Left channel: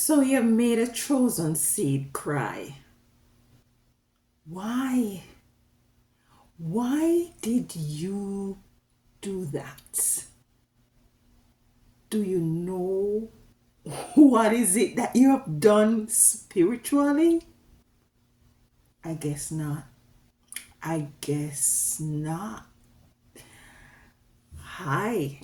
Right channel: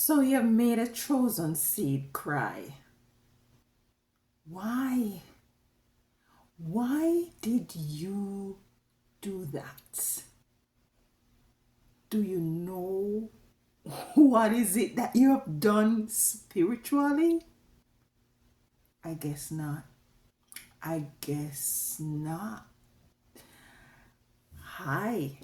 So you made a chosen seed cry. Why? Why did you do that? Do you know what is it that you have done spiritually? I guess not. I guess not. Hi.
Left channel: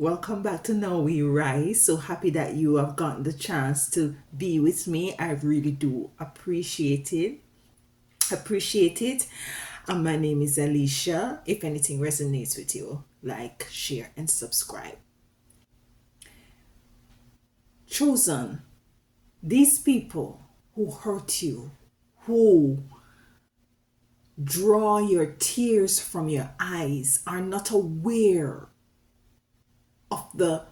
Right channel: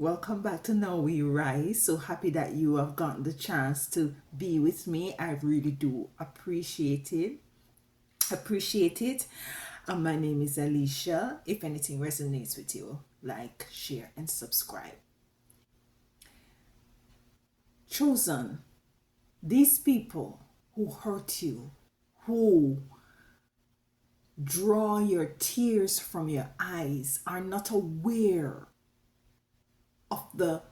Welcome back to Now We Rise. So happy that you have gotten the chance to be with me. I really do appreciate it. Appreciate it. My name is Alicia. If anything resonates with you, like, share, and subscribe. Chosen, these people who hurt you, who draw your tears from your eyes, are not aware of the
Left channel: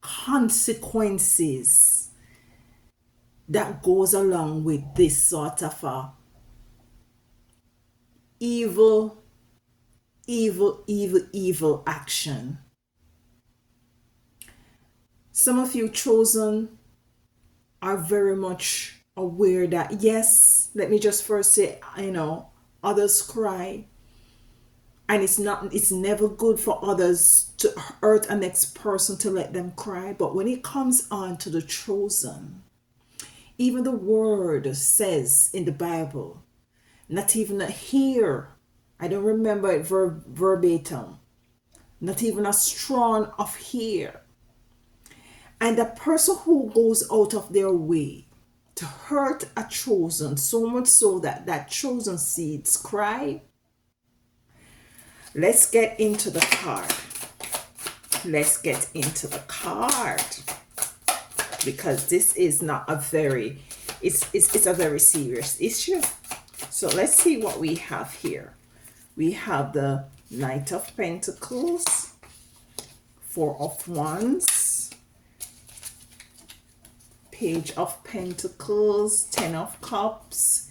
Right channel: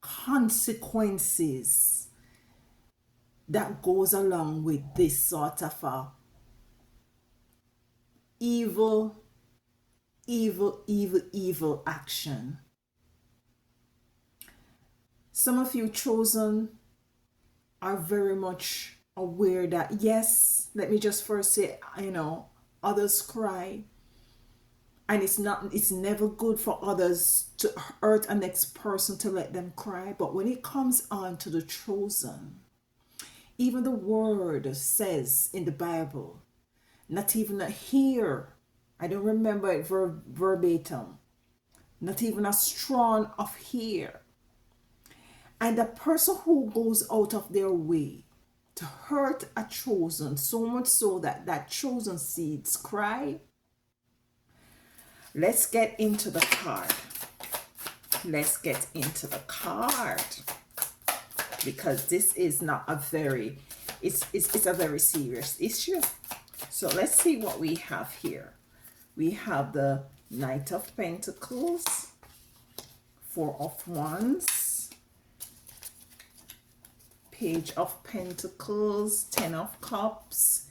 consequences that goes along with this sort of a evil, evil action. Some of you chosen are very much aware that, yes, let me just first say, others cry, and it's never good for others to hurt a next person, to let them cry. But when it comes on to the chosen, even the word says in the Bible, not even a hair, I don't remember it verbatim, not even a strand of hair. And the person who goes out of their way to hurt a chosen, so much so that that chosen seeds cry. Let's get into the card. Let's get into the card, because this is not a very, it's a very serious issue. So let's see what we have here. We have the Knight of Pentacles, Four of Wands, Page of Pentacles, Ten of Cups,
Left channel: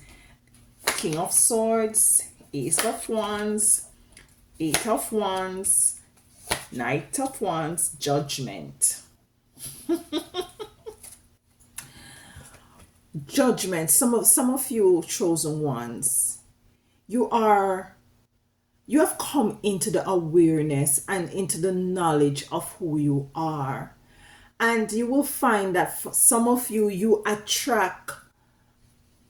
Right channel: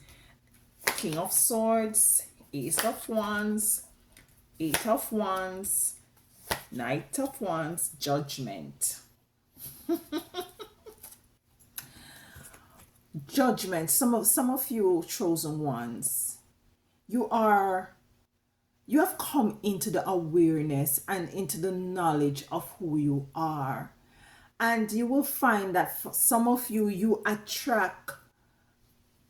King of Swords, Ace of Wands, Eight of Wands, Knight of Wands, Judgment. Judgment. Some of you chosen ones, you have come into the awareness and into the knowledge of who you are. And you will find that for some of you, you attract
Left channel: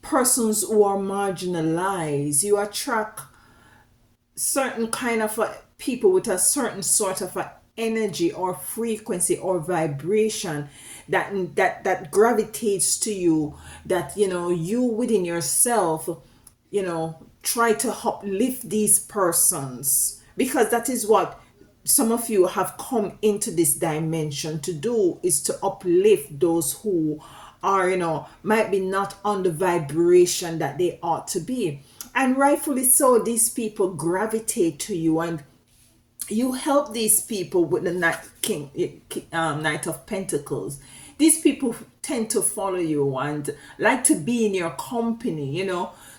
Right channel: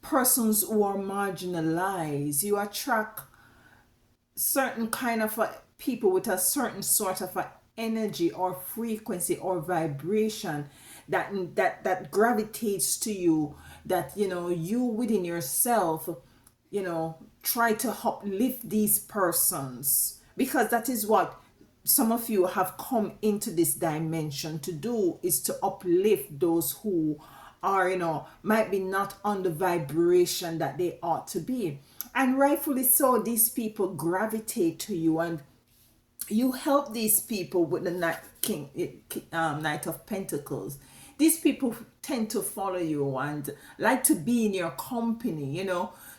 persons who are marginalized. You attract certain kind of people with a certain sort of energy or frequency or vibration that gravitates to you, that you within yourself try to uplift these persons, because that is what some of you have come into this dimension to do, is to uplift those who are might be not on the vibration that they ought to be. And rightfully so, these people gravitate to you, and you help these people with the Knight of Pentacles. These people tend to follow you and like to be in your company.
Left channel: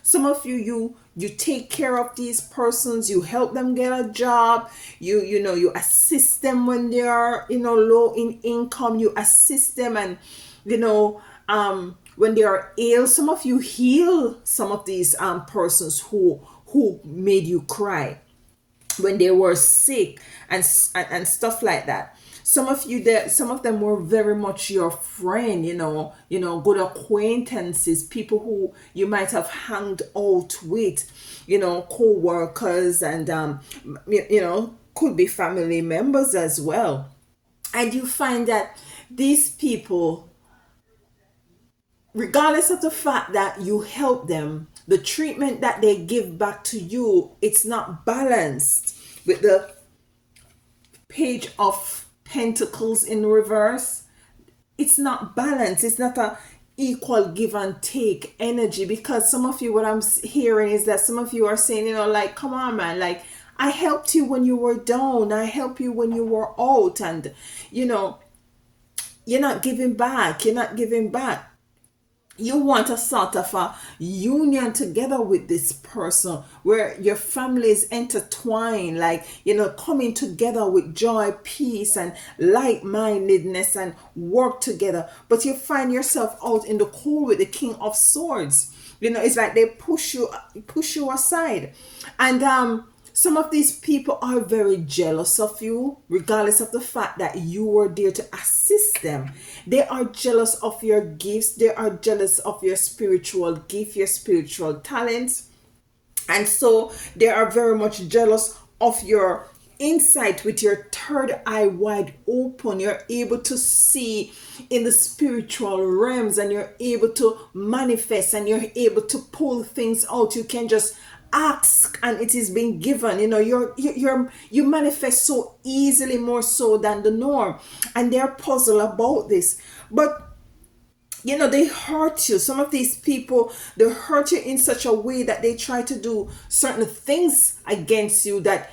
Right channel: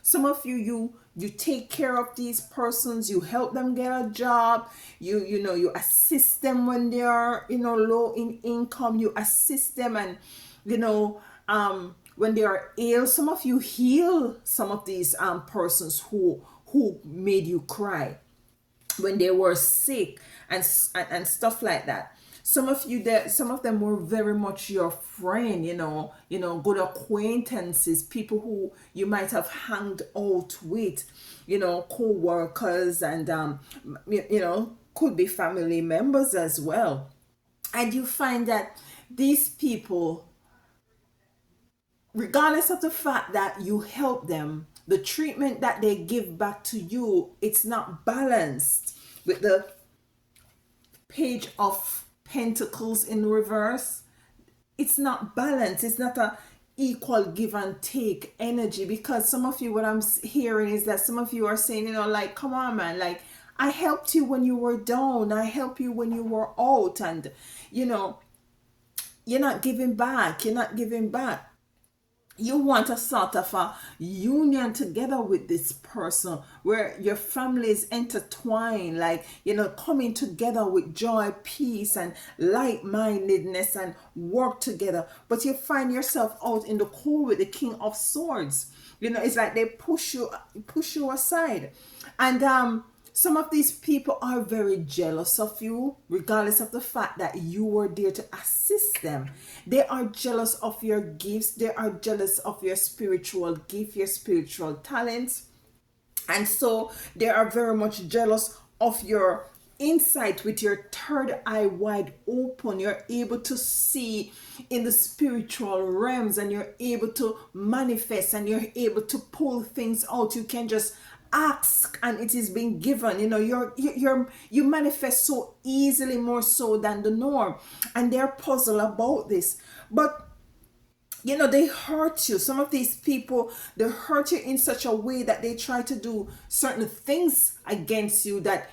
Some of you take care of these persons, you help them get a job, you assist them when they are low in income, you assist them, and when they are ill, some of you heal some of these persons who made you cry when they were sick, and stuff like that. Some of them were very much your friend, good acquaintances, people who you might have hanged out with, co-workers, and could be family members as well. And you find that these people, regardless of the fact that you help them, the treatment that they give back to you, it's not balanced. With the Page of Pentacles in reverse, it's not balanced. It's not a equal give and take energy, because some of you, what I'm hearing is that some of you are saying, like, come on, man, like, I helped you when you were down, I helped you when you were out, and you're not giving back. You want a sort of a union together with this person where your family is intertwined, like, coming together with joy, peace, and like-mindedness, and work together. But you find yourself out in the cold with the King of Swords. It's like they push you aside. And some of these people are very jealous of you, regardless of the fact that you were there to assist them. They are jealous of your gifts. They are jealous of your spiritual gift, your spiritual talents. And so they are very much jealous of your insight with your third eye wide open. You're able to see in the spiritual realms, and you're able to manifest, and you're able to pull things out. You can just ask and it is being given. You manifest so easily, more so than the norm. And they're puzzled about this. But they hurt you. Some of these people, they hurt you in such a way that they try to do certain things against you that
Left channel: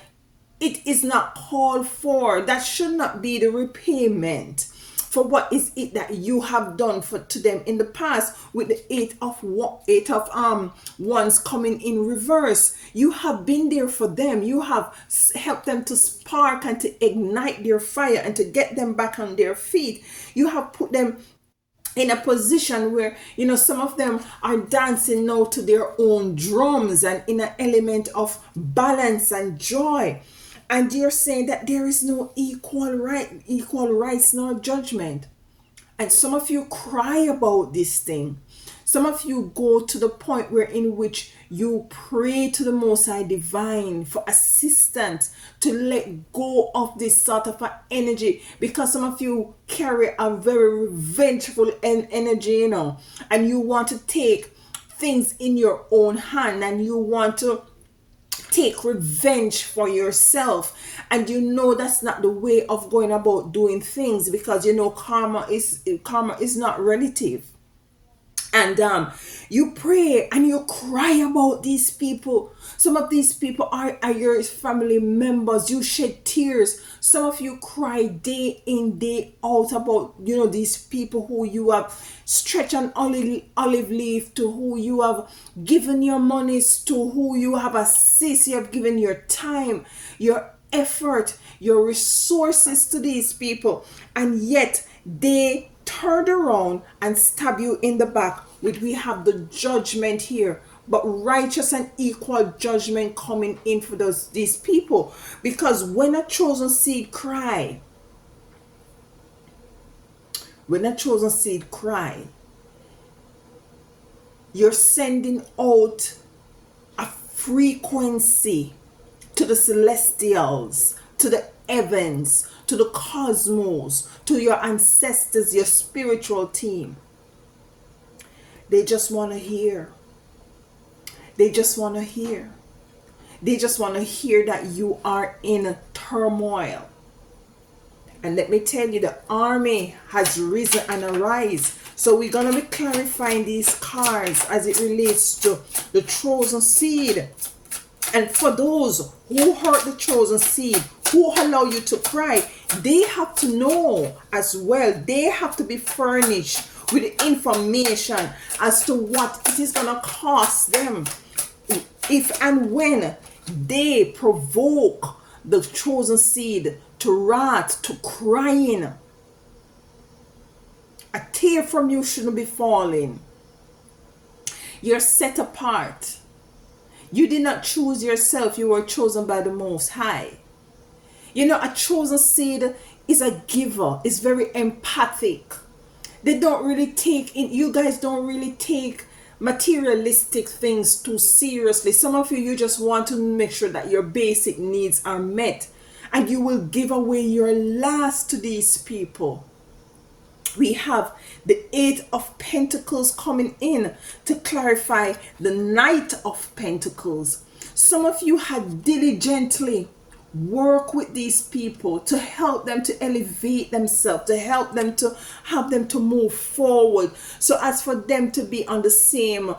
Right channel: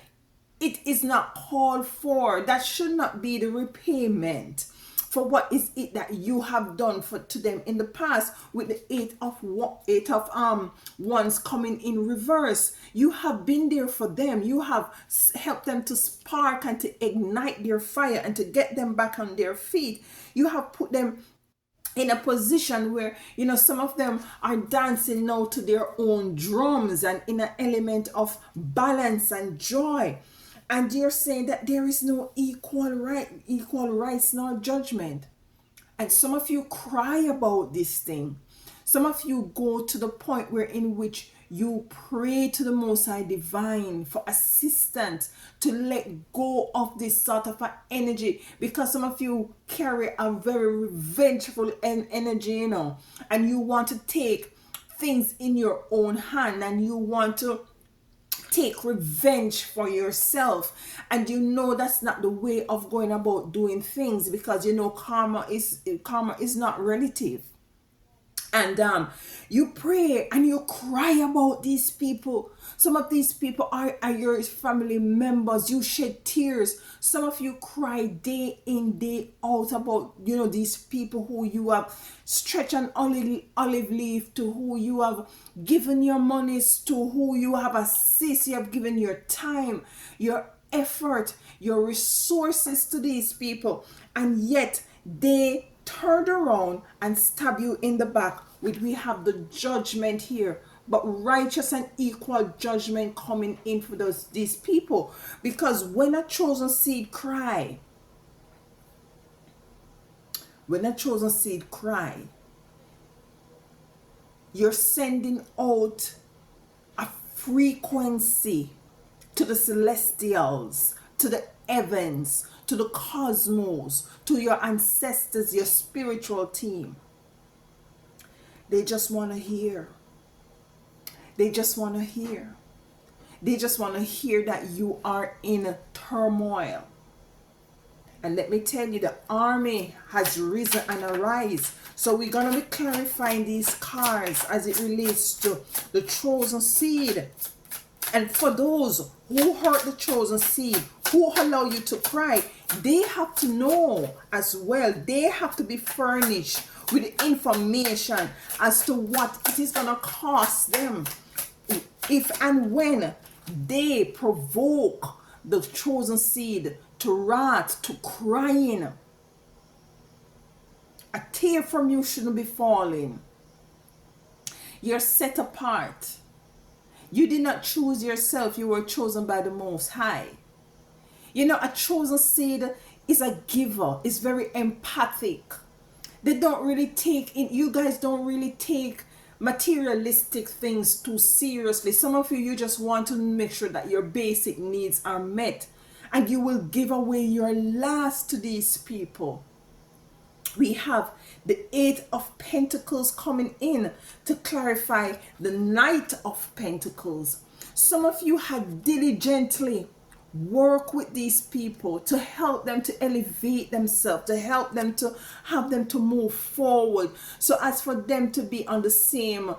it is not called for. That should not be the repayment for what is it that you have done for to them in the past. With the eight of wands coming in reverse, you have been there for them. You have helped them to spark and to ignite their fire and to get them back on their feet. You have put them in a position where some of them are dancing now to their own drums and in an element of balance and joy. And you're saying that there is no equal rights nor judgment. And some of you cry about this thing. Some of you go to the point where in which you pray to the Most High Divine for assistance to let go of this sort of energy, because some of you carry a very revengeful energy, and you want to take things in your own hand, and you want to take revenge for yourself. And that's not the way of going about doing things, because karma is not relative. And you pray and you cry about these people. Some of these people are your family members. You shed tears. Some of you cry day in, day out about these people who you have stretched an olive leaf to, who you have given your monies to, who you have assisted. You have given your time, your effort, your resources to these people, and yet they turned around and stab you in the back with, we have the judgment here, but righteous and equal judgment coming in for these people. Because when a chosen seed cry, you're sending out a frequency to the celestials, to the heavens, to the cosmos, to your ancestors, your spiritual team. They just want to hear. They just want to hear. They just want to hear that you are in turmoil. And let me tell you, the army has risen and arise. So we're going to be clarifying these cards as it relates to the chosen seed. And for those who hurt the chosen seed, who allow you to cry, they have to know as well. They have to be furnished with the information as to what it is going to cost them if and when they provoke the chosen seed to wrath, to crying. A tear from you shouldn't be falling. You're set apart. You did not choose yourself. You were chosen by the Most High. A chosen seed is a giver. It's very empathic. They don't really take in, you guys don't really take materialistic things too seriously. Some of you just want to make sure that your basic needs are met, and you will give away your last to these people. We have the Eight of Pentacles coming in to clarify the Knight of Pentacles. Some of you had diligently work with these people to help them to elevate themselves, to help them to move forward, so as for them to be on the same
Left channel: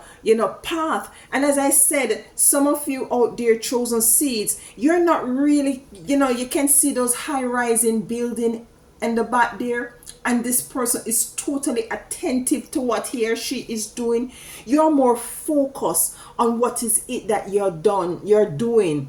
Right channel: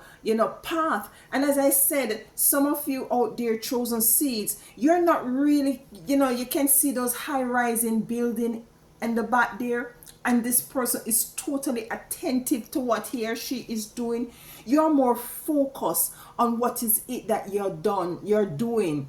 path. And as I said, some of you out there, chosen seeds, you're not really, you can see those high rising building in the back there, and this person is totally attentive to what he or she is doing, you're more focused on what is it that you're doing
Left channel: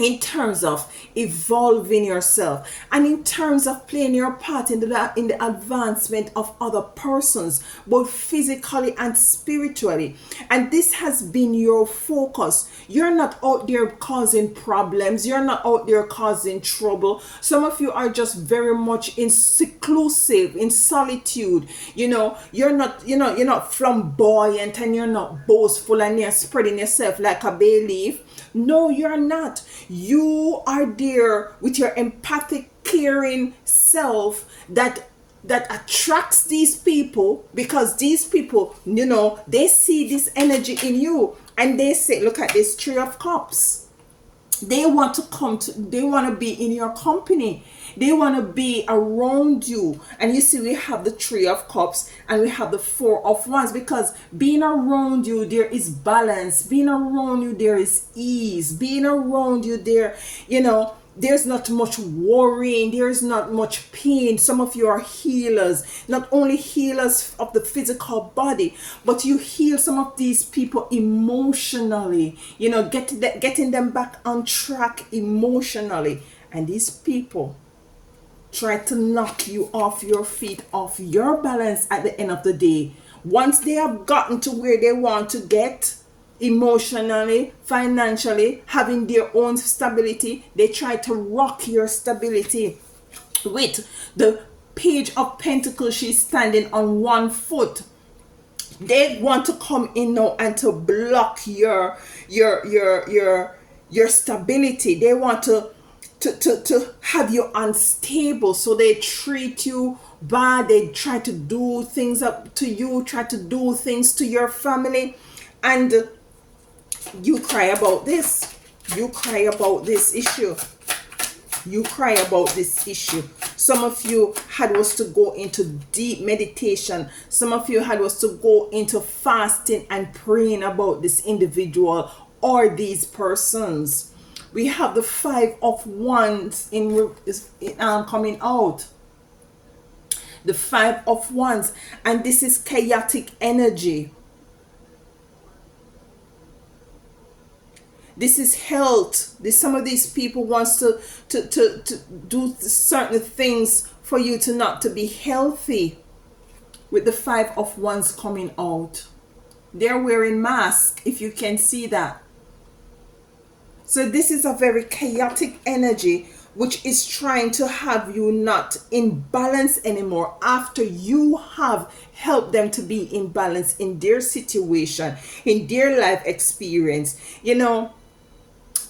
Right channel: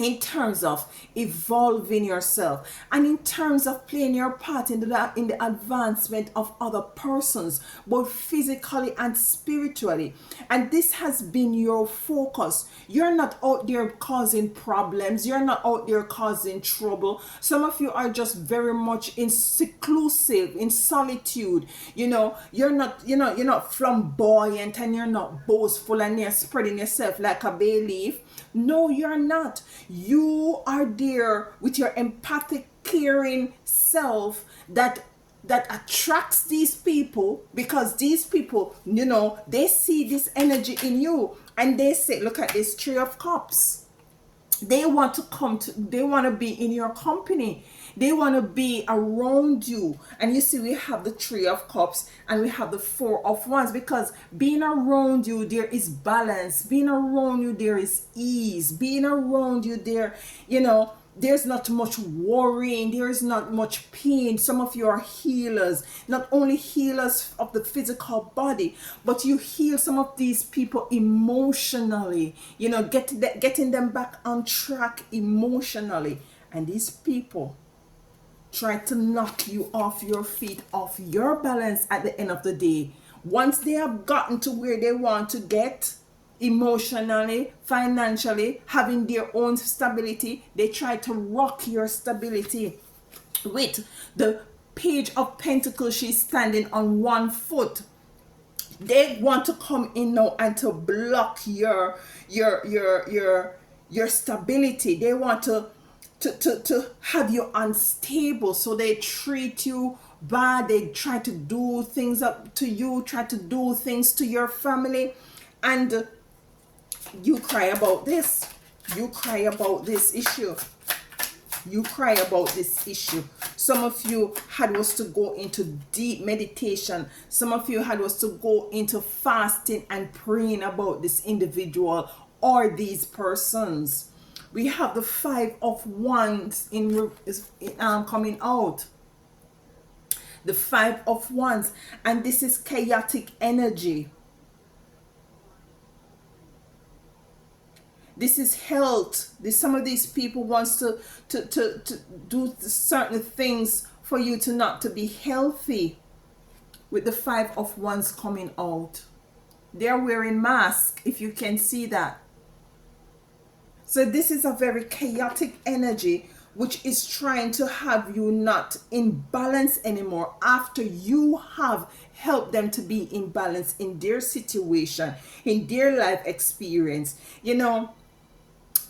in terms of evolving yourself and in terms of playing your part in the advancement of other persons, both physically and spiritually. And this has been your focus. You're not out there causing problems, you're not out there causing trouble. Some of you are just very much in seclusive, in solitude. You're not flamboyant, and you're not boastful, and you're spreading yourself like a bay leaf. No, you're not. You are there with your empathic, caring self that attracts these people, because these people, they see this energy in you, and they say, look at this Three of Cups. They want to be in your company. They want to be around you. And you see, we have the Three of Cups and we have the Four of Wands, because being around you, there is balance. Being around you, there is ease. Being around you, there's not much worrying. There is not much pain. Some of you are healers, not only healers of the physical body, but you heal some of these people emotionally, getting them back on track emotionally. And these people try to knock you off your feet, off your balance at the end of the day. Once they have gotten to where they want to get, emotionally, financially, having their own stability, they try to rock your stability. With the Page of Pentacles, she's standing on one foot. They want to come in now and to block your stability. They want to have you unstable, so they treat you bad. They try to do things up to you, try to do things to your family, and you cry about this. You cry about this issue. You cry about this issue. Some of you had was to go into deep meditation. Some of you had was to go into fasting and praying about this individual or these persons. We have the Five of Wands coming out. The Five of Wands, and this is chaotic energy. This is health. Some of these people wants to do certain things for you to not to be healthy. With the Five of Wands coming out, they're wearing masks, if you can see that. So this is a very chaotic energy which is trying to have you not in balance anymore after you have helped them to be in balance in their situation, in their life experience.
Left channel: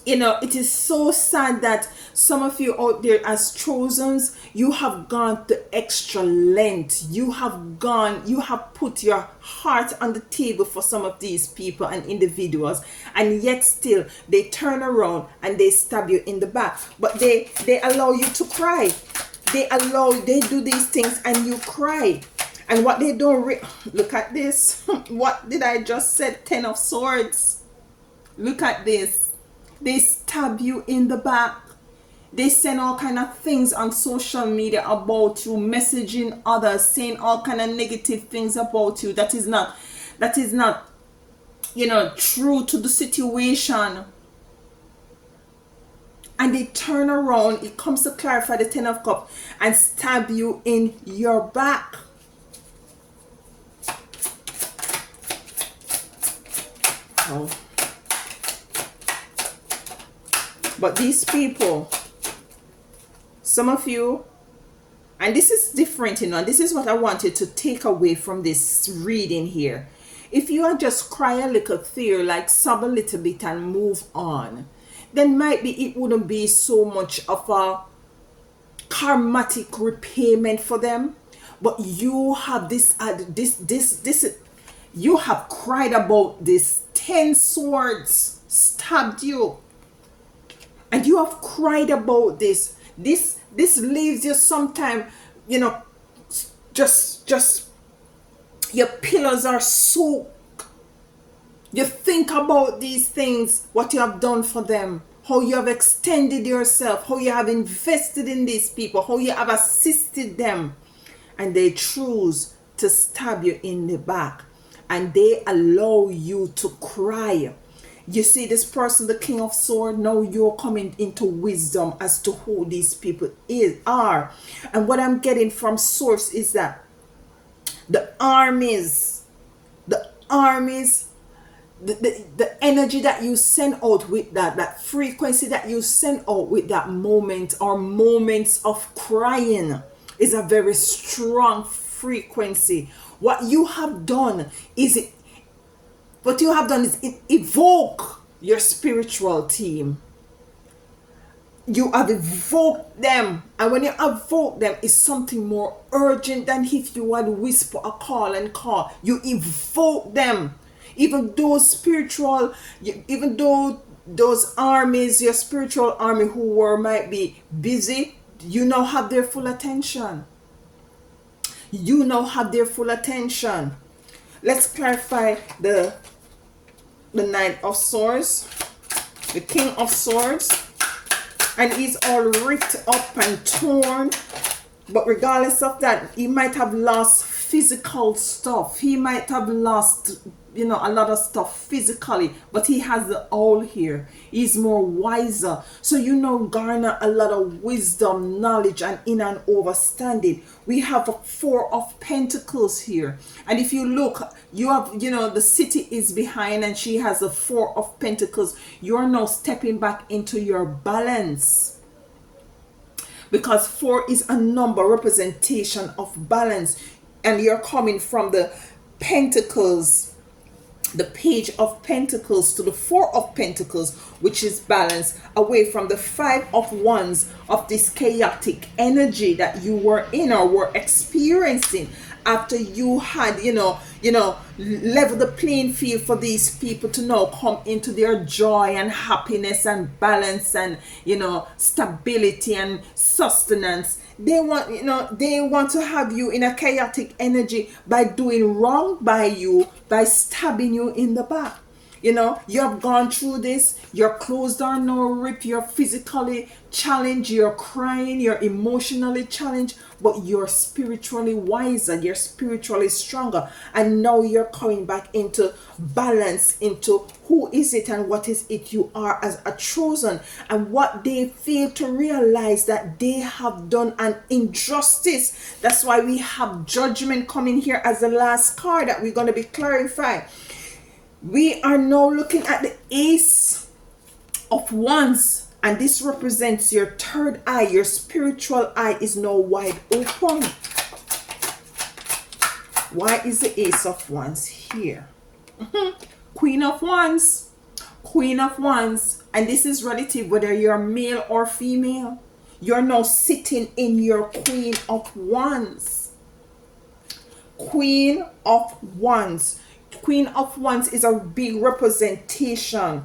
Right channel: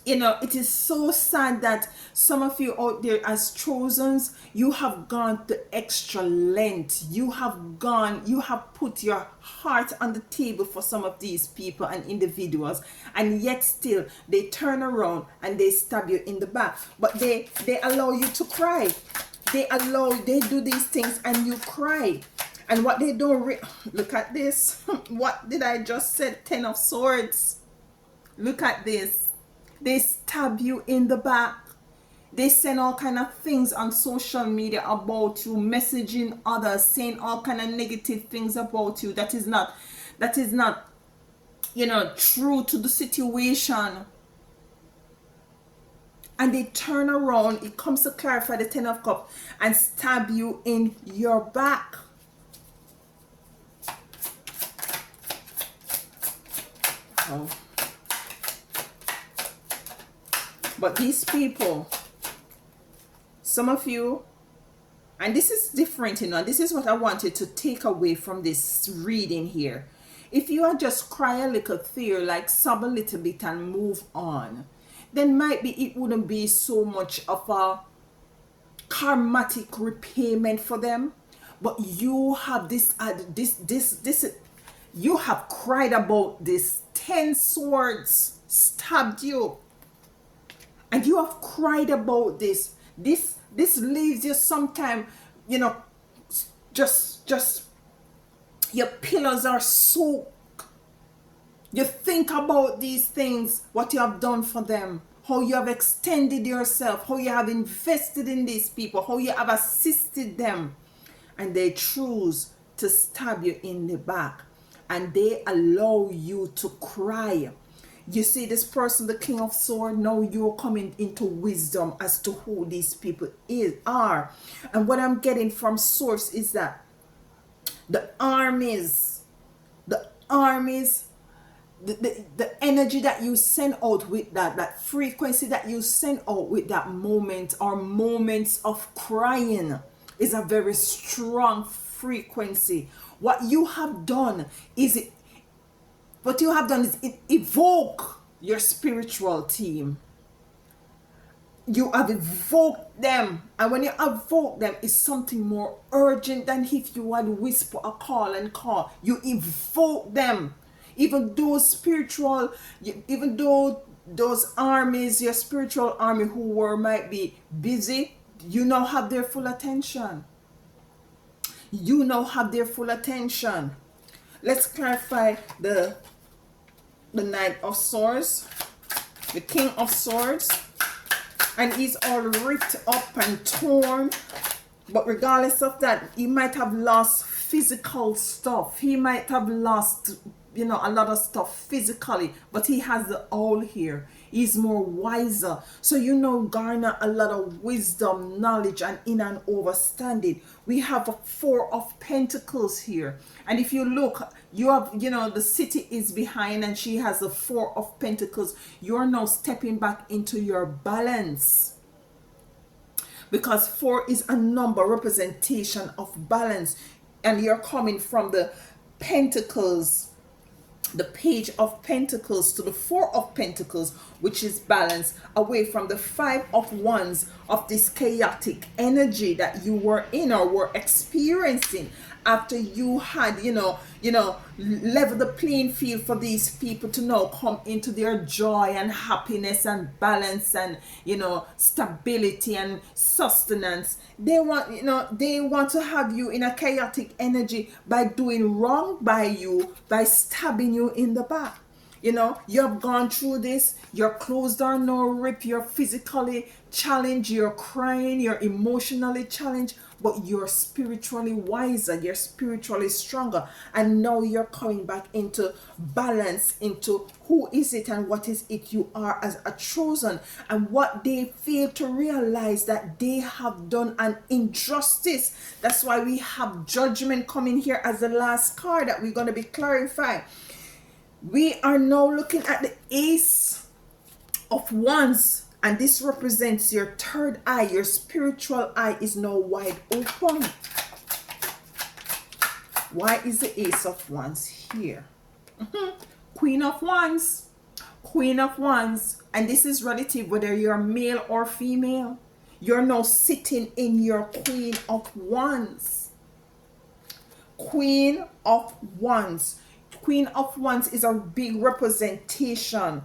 It is so sad that some of you out there as chosens, you have gone the extra length. You have put your heart on the table for some of these people and individuals, and yet still they turn around and they stab you in the back. But they allow you to cry. They do these things and you cry. And what they don't look at this. What did I just say? 10 of Swords. Look at this. They stab you in the back. They send all kind of things on social media about you, messaging others, saying all kind of negative things about you that is not true to the situation. And they turn around, it comes to clarify the 10 of Cups, and stab you in your back. Oh. But these people, some of you, and this is different, this is what I wanted to take away from this reading here. If you are just cry a little tear, like sob a little bit and move on, then might be it wouldn't be so much of a karmatic repayment for them. But you have you have cried about this. 10 swords stabbed you. And you have cried about this. This leaves you sometime, just your pillows are soaked. You think about these things, what you have done for them, how you have extended yourself, how you have invested in these people, how you have assisted them, and they choose to stab you in the back, and they allow you to cry. You see this person, the King of Swords, now you're coming into wisdom as to who these people are. And what I'm getting from source is that the armies, the armies, the energy that you send out with that frequency that you send out with that moment or moments of crying is a very strong frequency. What you have done is evoke your spiritual team. You have evoked them, and when you evoke them, it's something more urgent than if you had whisper a call and call. You evoke them. Even though those armies, your spiritual army who might be busy, you now have their full attention. You now have their full attention. Let's clarify the Knight of Swords, the King of Swords, and he's all ripped up and torn. But regardless of that, he might have lost physical stuff. He might have lost, a lot of stuff physically, but he has the owl here. He's more wiser. So garner a lot of wisdom, knowledge, and understanding. We have a Four of Pentacles here. And if you look, you have, the city is behind and she has the Four of Pentacles. You're now stepping back into your balance. Because 4 is a number representation of balance. And you're coming from the Pentacles, the Page of Pentacles, to the Four of Pentacles, which is balance, away from the Five of Wands, of this chaotic energy that you were in or were experiencing after you had level the playing field for these people to now come into their joy and happiness and balance and stability and sustenance. They want to have you in a chaotic energy by doing wrong by you, by stabbing you in the back. You have gone through this, your clothes are now ripped, you're physically challenged, you're crying, you're emotionally challenged, but you're spiritually wiser, you're spiritually stronger, and now you're coming back into balance, into who is it and what is it you are as a chosen, and what they fail to realize that they have done an injustice. That's why we have Judgment coming here as the last card that we're going to be clarifying. We are now looking at the Ace of Wands, and this represents your third eye. Your spiritual eye is now wide open. Why is the Ace of Wands here? Queen of Wands. Queen of Wands. And this is relative whether you're male or female. You're now sitting in your Queen of Wands. Queen of Wands. Queen of Wands is a big representation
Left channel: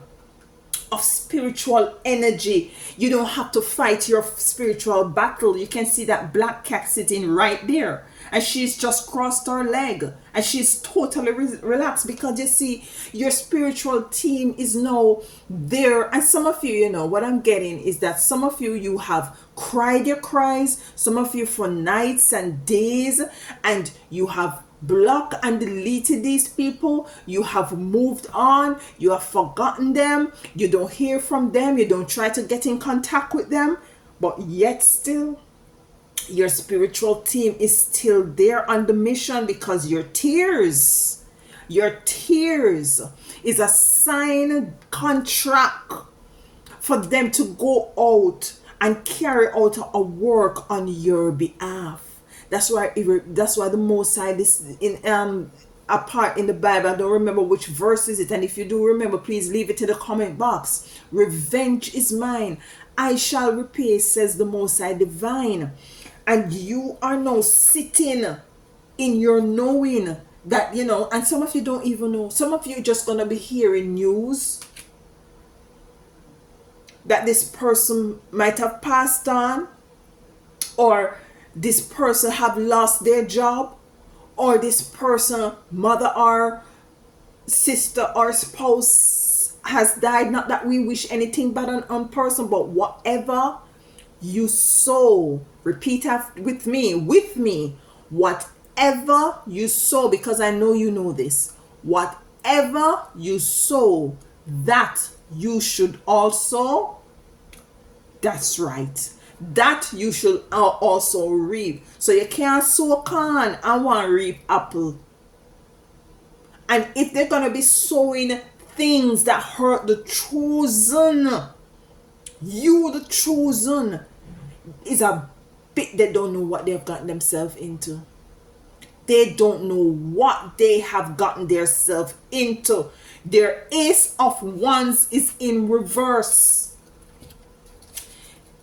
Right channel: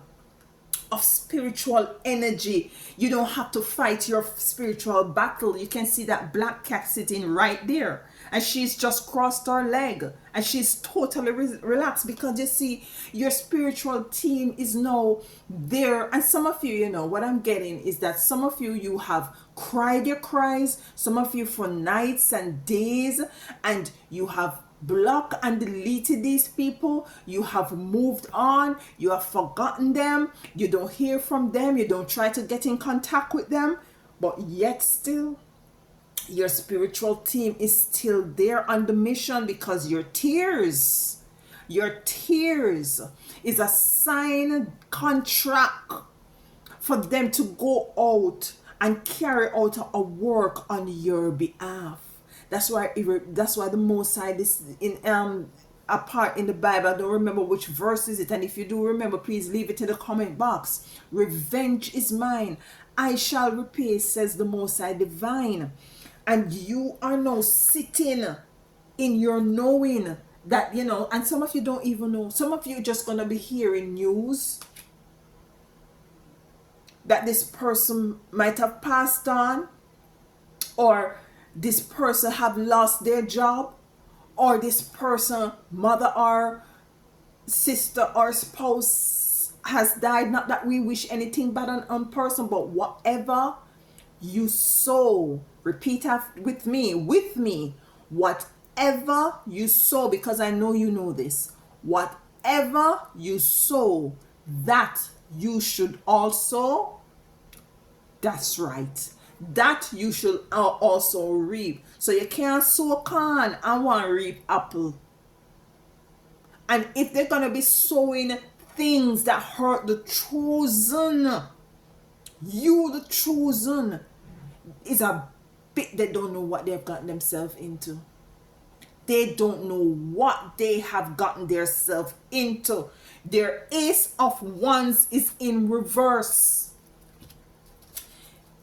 of spiritual energy. You don't have to fight your spiritual battle. You can see that black cat sitting right there, and she's just crossed her leg and she's totally relaxed, because you see your spiritual team is now there. And some of you, what I'm getting is that some of you have cried your cries, some of you for nights and days, and you have blocked and deleted these people. You have moved on, you have forgotten them, you don't hear from them, you don't try to get in contact with them, but yet still your spiritual team is still there on the mission, because your tears is a signed contract for them to go out and carry out a work on your behalf. That's why the Most High, this in a part in the Bible, I don't remember which verse is it, and if you do remember, please leave it in the comment box. Revenge is mine, I shall repay, says the Most High Divine. And you are now sitting in your knowing that, and some of you don't even know. Some of you just gonna be hearing news that this person might have passed on, or this person have lost their job, or this person, mother or sister or spouse, has died. Not that we wish anything bad on person, but whatever you sow, repeat after with me, whatever you sow, because I know you know this, whatever you sow, that you should also, that's right, that you should also reap. So you can't sow corn and want to reap apple. And if they're going to be sowing things that hurt the chosen, you the chosen, is a bit, they don't know what they've gotten themselves into. They don't know what they have gotten themselves into. Their Ace of Wands is in reverse.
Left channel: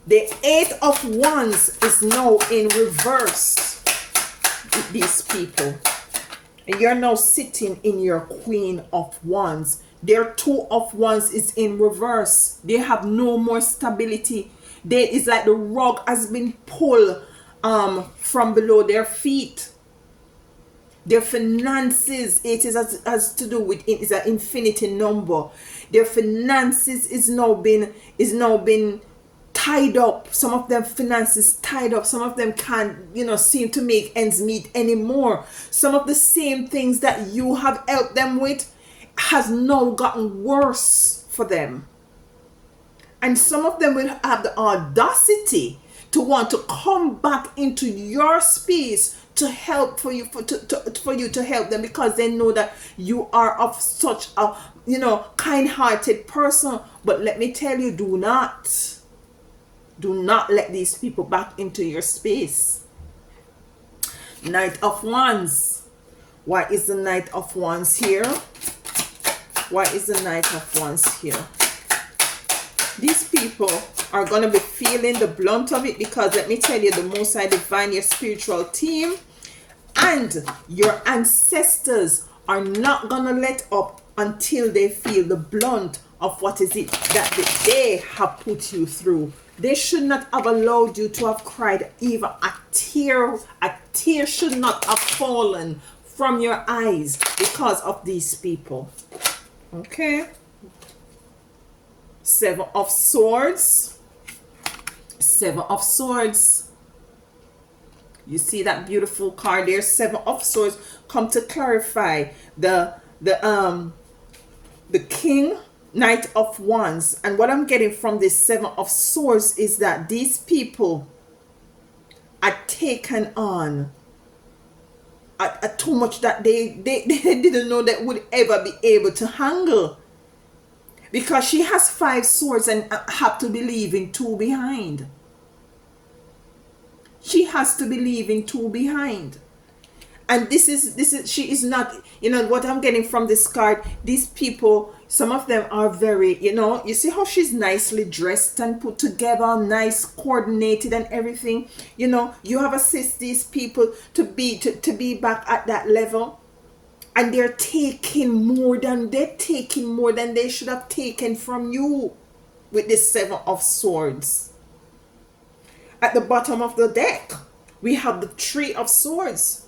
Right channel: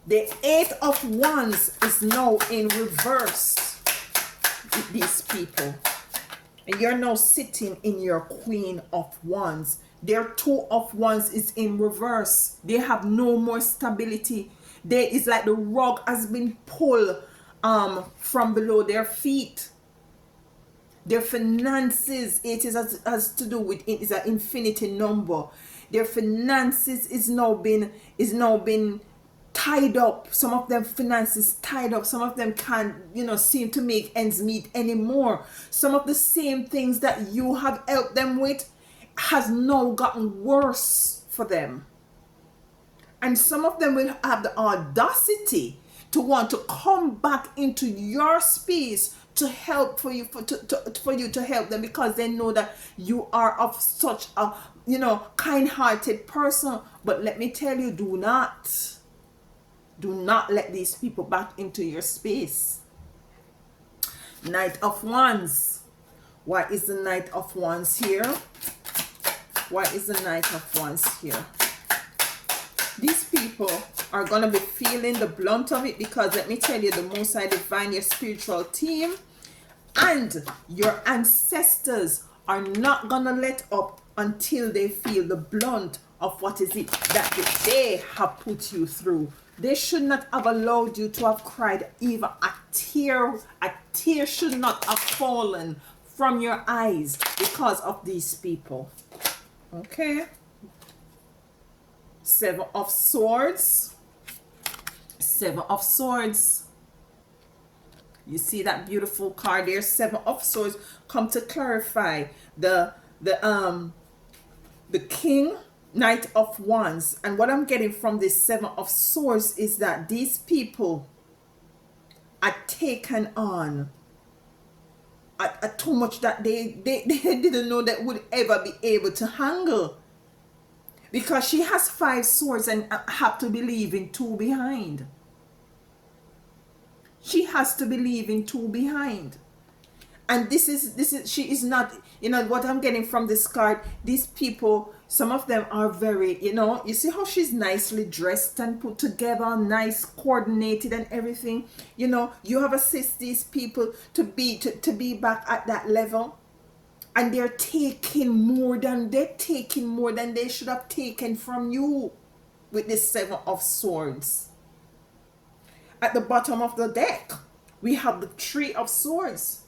The Eight of Wands is now in reverse with these people. And you're now sitting in your Queen of Wands. Their Two of Wands is in reverse. They have no more stability. It's like the rug has been pulled from below their feet. Their finances, it is has to do with, it is an infinity number. Their finances is now been tied up. Some of them finances tied up. Some of them can't, seem to make ends meet anymore. Some of the same things that you have helped them with has now gotten worse for them. And some of them will have the audacity to want to come back into your space to help for you, for you to help them, because they know that you are of such a kind-hearted person. But let me tell you, do not let these people back into your space. Knight of Wands. Why is the Knight of Wands here? Why is the Knight of Wands here? These people are going to be feeling the blunt of it, because let me tell you, the Most High Divine, your spiritual team and your ancestors are not going to let up until they feel the blunt of what is it that they have put you through. They should not have allowed you to have cried even a tear. A tear should not have fallen from your eyes because of these people. Okay. Seven of Swords. Seven of Swords. You see that beautiful card there, Seven of Swords, come to clarify the King, Knight of Wands. And what I'm getting from this Seven of Swords is that these people are taken on at too much that they didn't know that would ever be able to handle. Because she has 5 swords and have to believe in 2 behind. She has to believe in 2 behind. And this is she is not, what I'm getting from this card, these people, some of them are very, you see how she's nicely dressed and put together, nice, coordinated and everything. You have assist these people to be back at that level. And they're taking more than they should have taken from you with this Seven of Swords. At the bottom of the deck, we have the Three of Swords.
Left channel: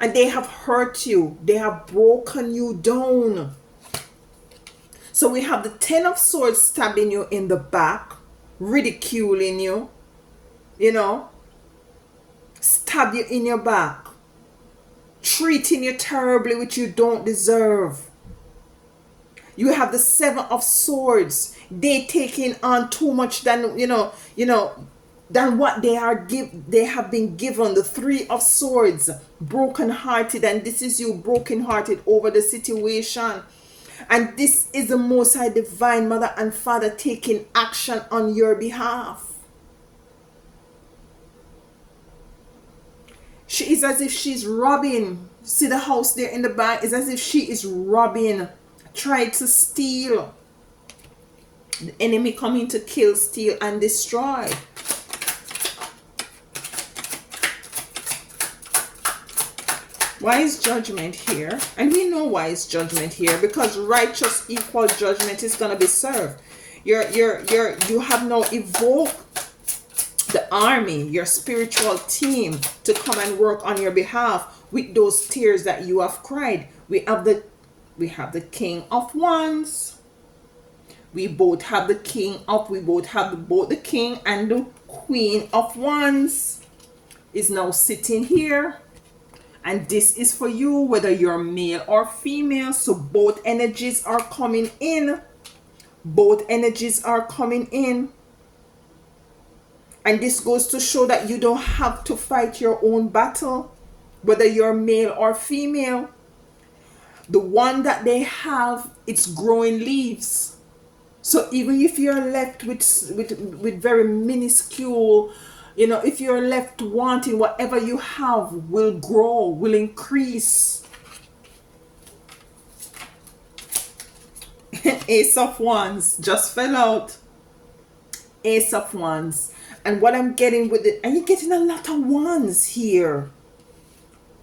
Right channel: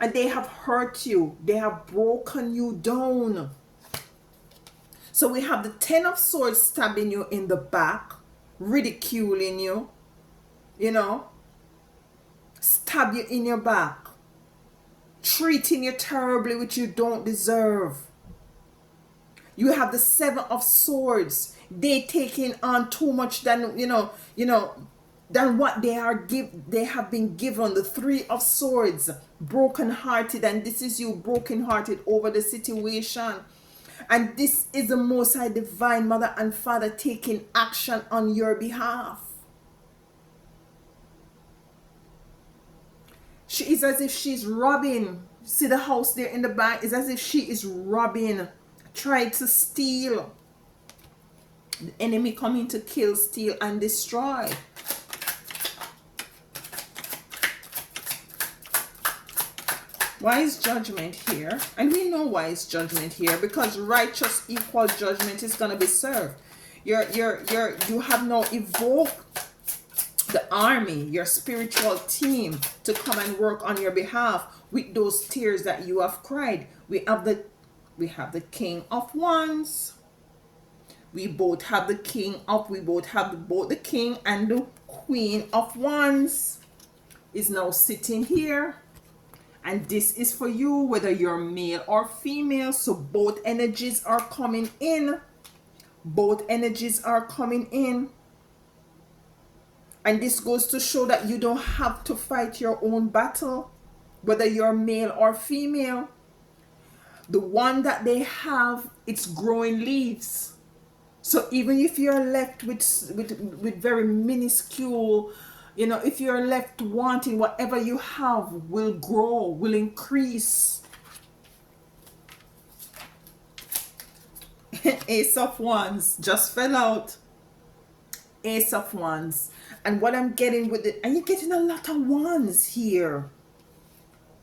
And they have hurt you. They have broken you down. So we have the Ten of Swords stabbing you in the back, ridiculing you, stab you in your back, treating you terribly, which you don't deserve. You have the Seven of Swords. They taking on too much than than what they have been given. The Three of Swords, broken-hearted, and this is you broken-hearted over the situation. And this is the Most High Divine Mother and Father taking action on your behalf. She is as if she's robbing. See the house there in the back? It's as if she is robbing, trying to steal. The enemy coming to kill, steal, and destroy. Why is Judgment here? And we know why is Judgment here, because righteous equal judgment is going to be served. You have now evoked the army, your spiritual team, to come and work on your behalf with those tears that you have cried. We have the King of Wands. We both have the king of, we both have both the king and the queen of wands is now sitting here. And this is for you, whether you're male or female. So both energies are coming in. Both energies are coming in. And this goes to show that you don't have to fight your own battle, whether you're male or female. The one that they have, it's growing leaves. So even if you're left with very minuscule, you know, if you're left wanting, whatever you have will grow, will increase. Ace of Wands just fell out. Ace of Wands. And what I'm getting with it, and you're getting a lot of wands here.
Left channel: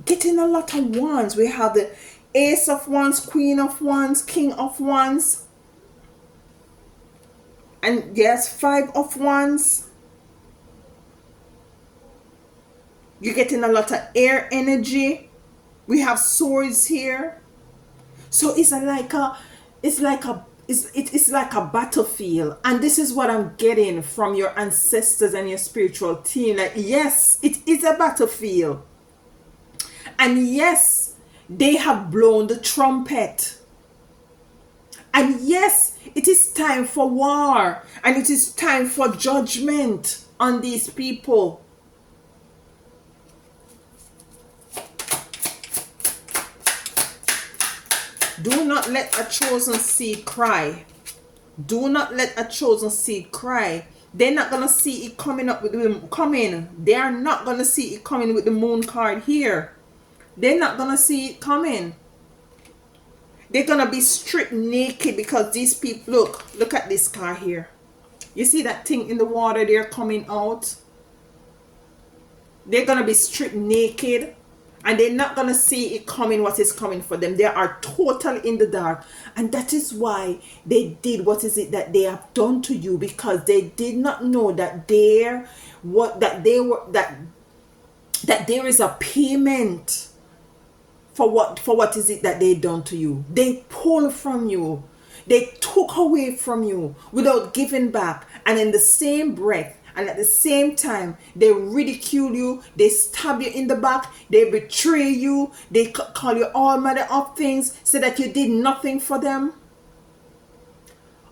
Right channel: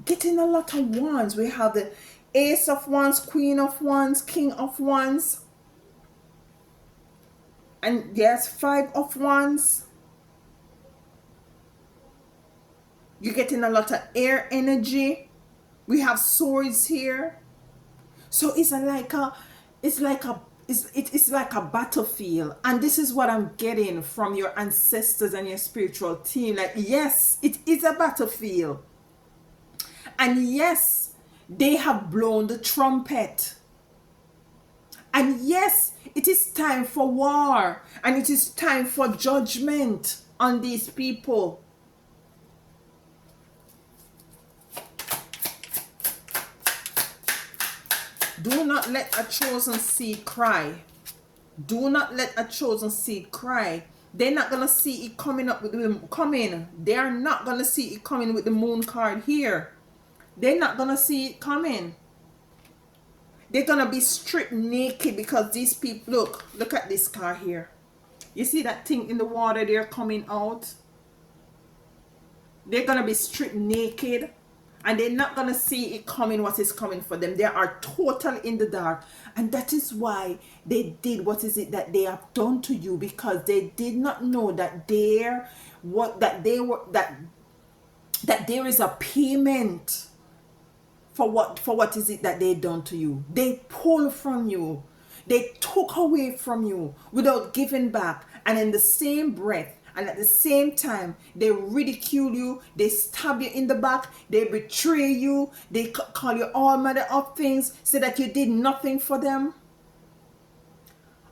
Getting a lot of wands. We have the Ace of Wands, Queen of Wands, King of Wands. And yes, Five of Wands. You're getting a lot of air energy. We have swords here. So it's like a battlefield. And this is what I'm getting from your ancestors and your spiritual team. Like, yes, it is a battlefield. And yes, they have blown the trumpet. And yes, it is time for war. And it is time for judgment on these people. Do not let a chosen seed cry. Do not let a chosen seed cry. They're not going to see it coming up with them coming. They are not going to see it coming with the moon card here. They're not going to see it coming. They're going to be stripped naked because these people, look at this car here. You see that thing in the water there coming out? They're going to be stripped naked. And they're not going to see it coming, what is coming for them. They are total in the dark. And that is why they did what is it that they have done to you. Because they did not know that there is a payment for what is it that they done to you. They pulled from you. They took away from you without giving back. And in the same breath, and at the same time, they ridicule you, they stab you in the back, they betray you, they call you all manner of things, say that you did nothing for them.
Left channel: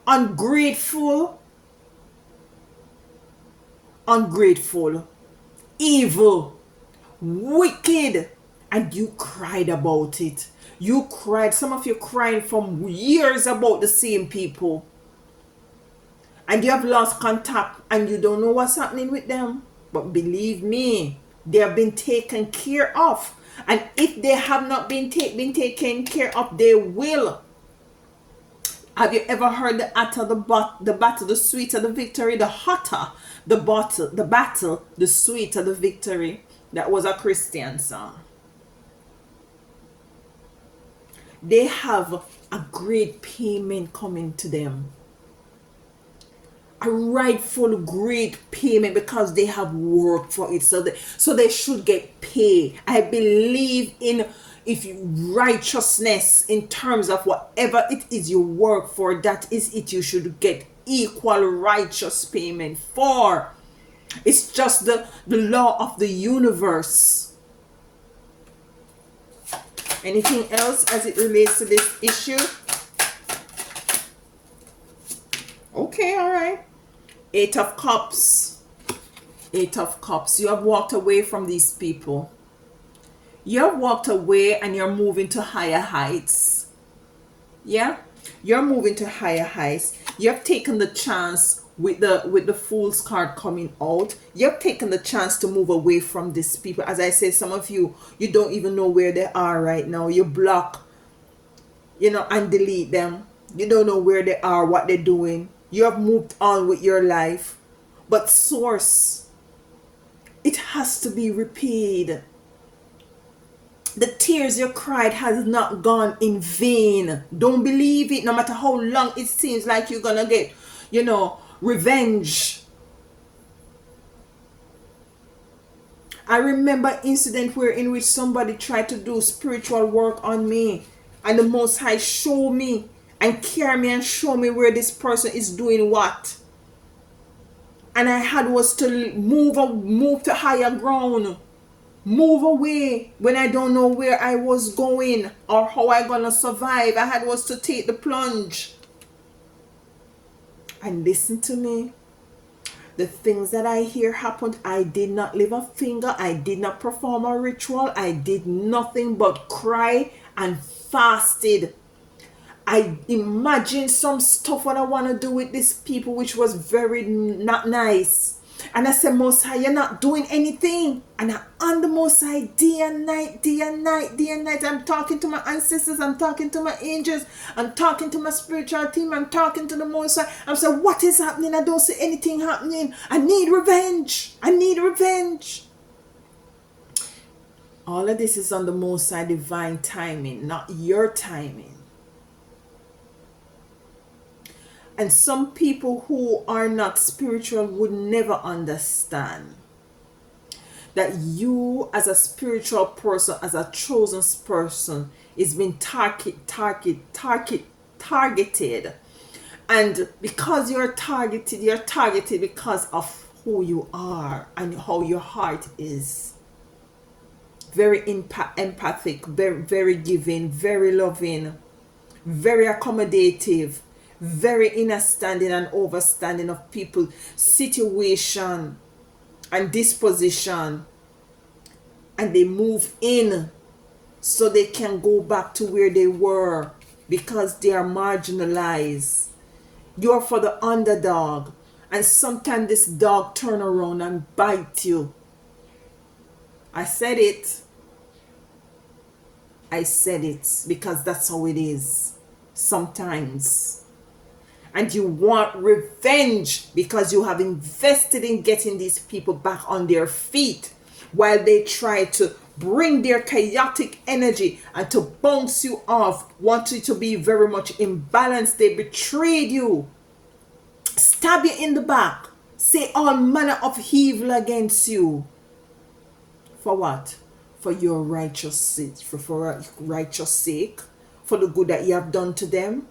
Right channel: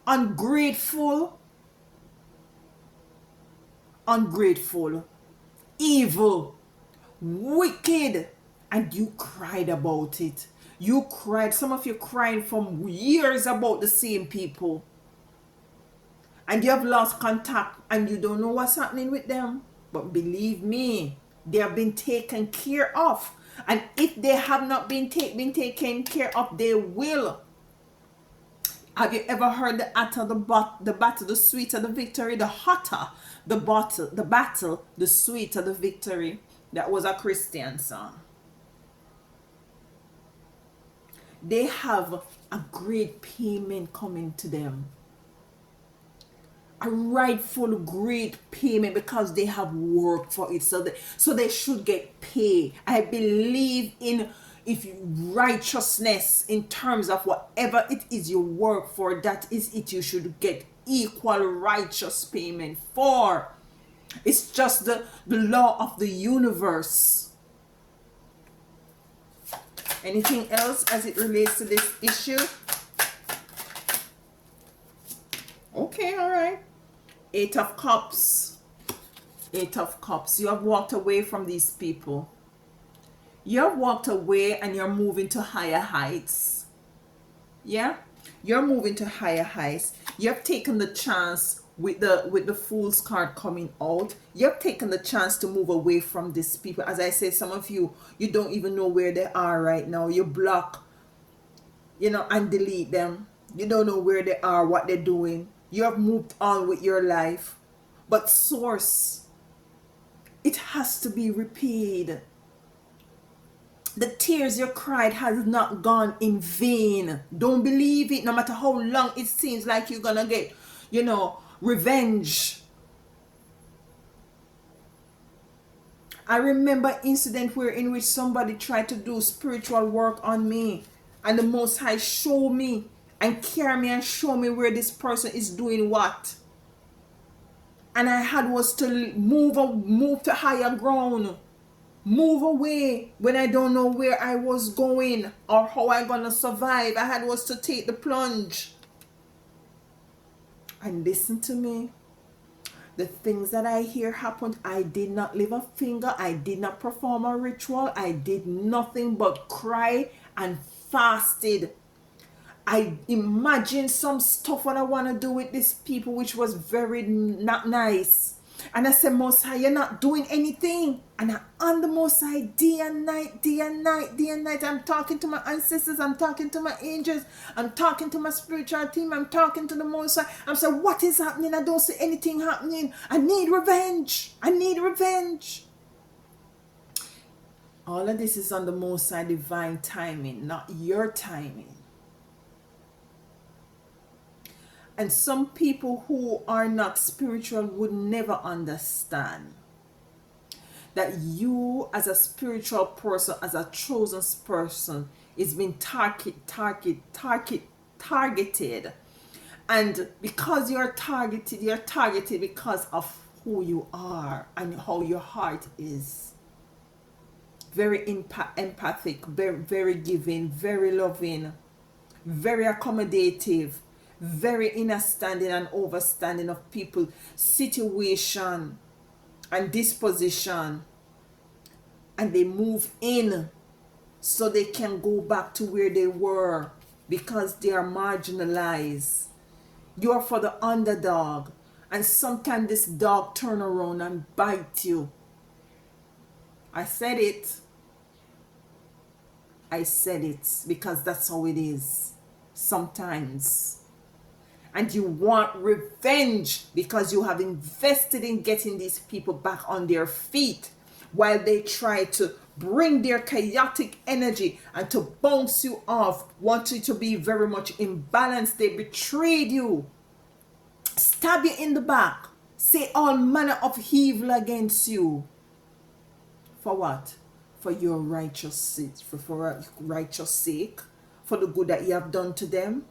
Ungrateful, evil, wicked, and you cried about it. You cried, some of you crying from years about the same people. And you have lost contact and you don't know what's happening with them. But believe me, they have been taken care of. And if they have not been taken care of, they will. Have you ever heard the hotter the battle, the sweeter the victory? The hotter the battle, the sweeter the victory. That was a Christian song. They have a great payment coming to them. A rightful great payment because they have worked for it. So they should get paid. I believe in righteousness in terms of whatever it is you work for, that is it you should get equal righteous payment for. It's just the law of the universe. Anything else as it relates to this issue? Okay, all right. Eight of Cups. Eight of Cups. You have walked away from these people. You have walked away and you're moving to higher heights. Yeah? You're moving to higher heights. You have taken the chance with the Fool's card coming out. You have taken the chance to move away from these people. As I said, some of you don't even know where they are right now. You block, and delete them. You don't know where they are, what they're doing. You have moved on with your life. But source, it has to be repaid. The tears you cried has not gone in vain. Don't believe it, no matter how long it seems like you're gonna get, revenge. I remember incident in which somebody tried to do spiritual work on me, and the Most High showed me and carry me and show me where this person is doing what. And I had was to move to higher ground, move away when I don't know where I was going or how I gonna survive. I had was to take the plunge. And listen to me. The things that I hear happened, I did not lift a finger. I did not perform a ritual. I did nothing but cry and fasted. I imagined some stuff what I want to do with these people, which was very not nice. And I said, Most High, you're not doing anything. And I'm on the Most High day and night, day and night, day and night. I'm talking to my ancestors. I'm talking to my angels. I'm talking to my spiritual team. I'm talking to the Most High. I'm saying, what is happening? I don't see anything happening. I need revenge. I need revenge. All of this is on the Most High divine timing, not your timing. And some people who are not spiritual would never understand that you as a spiritual person, as a chosen person, is being targeted. And because you're targeted because of who you are and how your heart is. Very empathic, very, very giving, very loving, very accommodative, very understanding and overstanding of people, situation and disposition, and they move in so they can go back to where they were because they are marginalized. You're for the underdog, and sometimes this dog turn around and bite you. I said it because that's how it is sometimes. And you want revenge because you have invested in getting these people back on their feet while they try to bring their chaotic energy and to bounce you off, want you to be very much imbalanced. They betrayed you, stab you in the back, say all manner of evil against you. For what? For your righteous sake, for a righteous sake, for the good that you have done to them.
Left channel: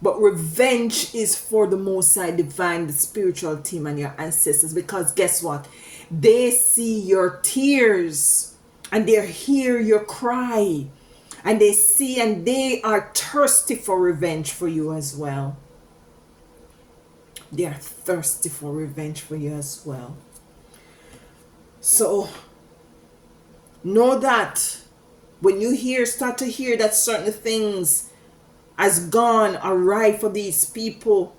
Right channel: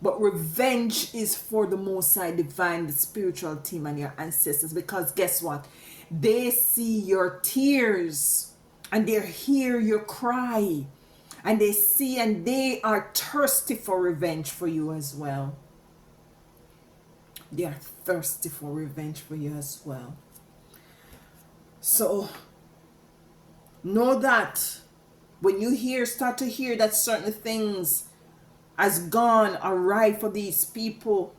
But revenge is for the Most High divine, the spiritual team and your ancestors, because guess what? They see your tears and they hear your cry, and they see and they are thirsty for revenge for you as well. They are thirsty for revenge for you as well. So know that when you start to hear that certain things has gone awry for these people,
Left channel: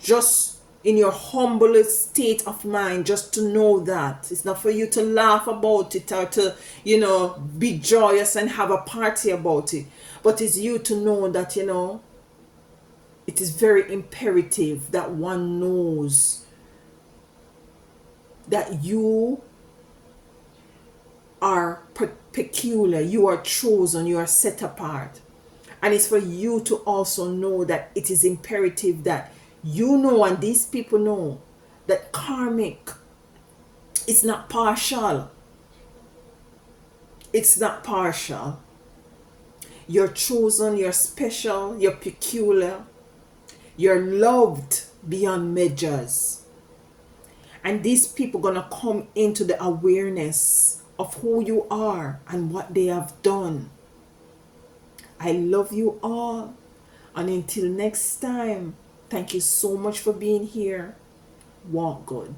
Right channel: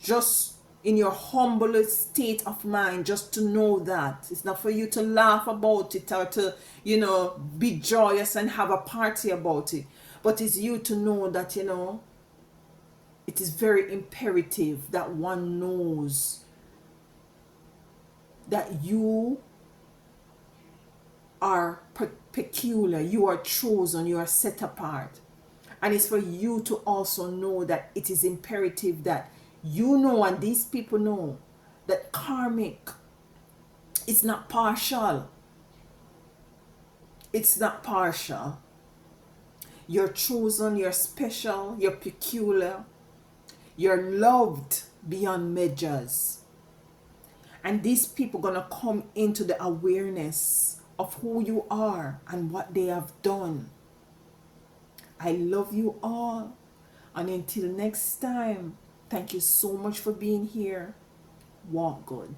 just in your humblest state of mind, just to know that it's not for you to laugh about it or to, be joyous and have a party about it, but it's you to know that, it is very imperative that one knows that you are peculiar, you are chosen, you are set apart. And it's for you to also know that it is imperative that you know, and these people know, that karmic is not partial. It's not partial. You're chosen, you're special, you're peculiar, you're loved beyond measures. And these people are going to come into the awareness of who you are and what they have done. I love you all. And until next time, thank you so much for being here. Walk good.